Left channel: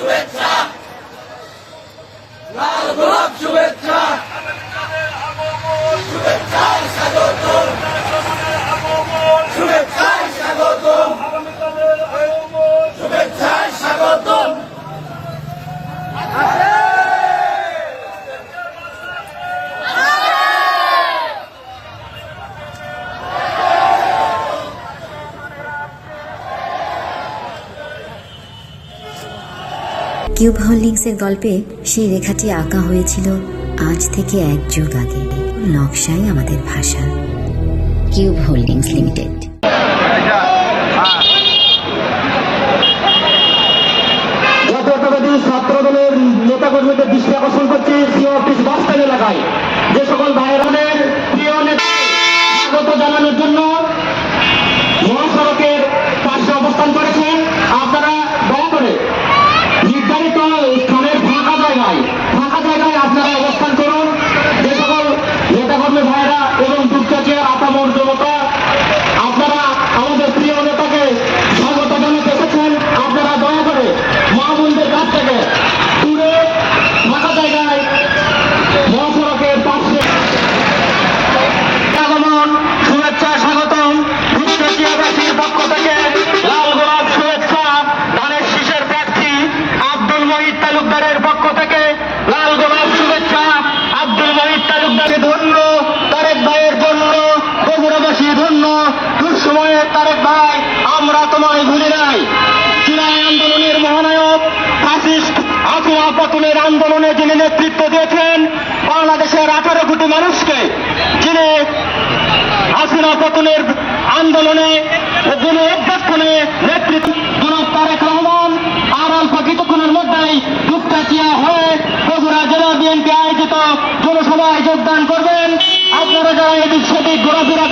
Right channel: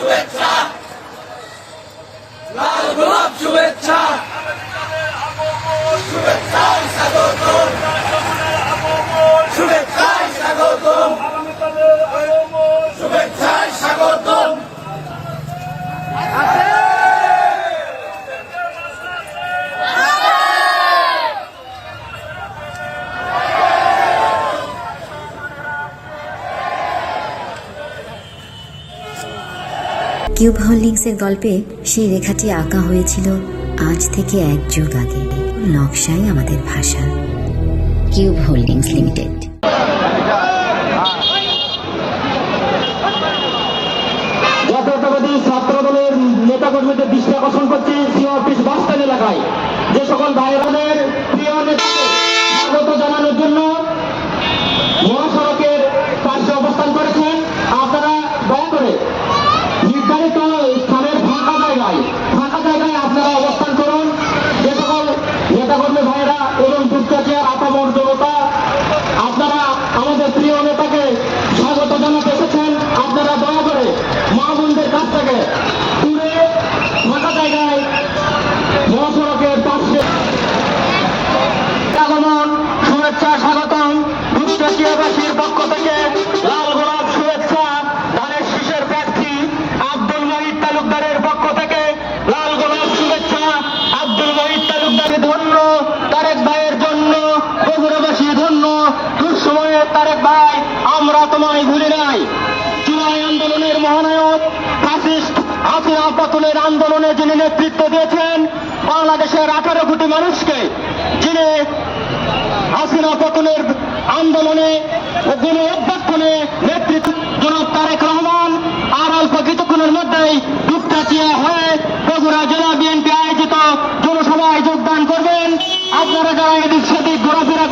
শুভেচ্ছা, লাল গোলাপ শুভেচ্ছা, শুভেচ্ছায় স্বাগতম, শুভেচ্ছায় স্বাগতম, শুভেচ্ছায় স্বাগতম। কিউব হোল্ডিংসের গল্পে সেই রেখাটি আঁকা হয়েছিল আজ থেকে 1 যুগ আগে। নকশাই আমাদের ভাষা। Cube holdings limited. জাতীয়তাবাদী ছাত্র দলের নেতাকর্মীদের দৃষ্টি আকর্ষণ করছি সিআরপিস বাসস্ট্যান্ড এলাকায় যে সকল ভাইরানের প্রিয় নেতাকে স্বাগত জানানোর জন্য মহাসড়কের পাশে অবস্থান করেছেন। আপনারা দয়া করে নির্ধারিত স্থানের ফাঁকা জায়গায় আপনারা অবস্থান করুন। যে সকল নেতাকর্মী ভাইরা এবং দুর্গাচিয়ার আপামর জনতা আপনারা আমাদের প্রিয় নেতাকে স্বাগত জানাতে এসেছেন, আপনারা দয়া করে মা বোনদের কাছ থেকে দূরে ফাঁকা জায়গায় মহাসড়কের পাশে আগমন শুভেচ্ছা স্বাগতম। দুর্গাচিয়াবাসীর পক্ষ থেকে লাল গোলাপ শুভেচ্ছা। ধানের শীষের প্রার্থী আব্দুল মহিদ তালুকদারের পক্ষ থেকে লাল গোলাপ শুভেচ্ছা। আব্দুল মহিদ তালুকদারকে ধন্য, তারেক ভাইয়ের জন্য বগুড়াবাসী ধন্য। দুঃসময়ে তারেক ভাই, আমরা তোমায় ভুলি নাই। জুলাই আন্দোলনের মহানায়ক ফাসিস্ট হাসিনা পতনের আন্দোলনে যিনি নেতৃত্ব দিয়েছেন, বাংলাদেশের 18 কোটি মানুষকে যিনি হাসিনা পতনের আন্দোলনে অভ্যর্থনে নেতৃত্ব জনাব তারেক রহমান আর অল্প কিছুক্ষণের মধ্যেই দুপচাচিয়া হয়ে বগুড়া জেলা বিএনপি আয়োজিত জনসভায় যোগদান করবেন। আপনারা যারা এদিক সেদিক ঘোরাফেরা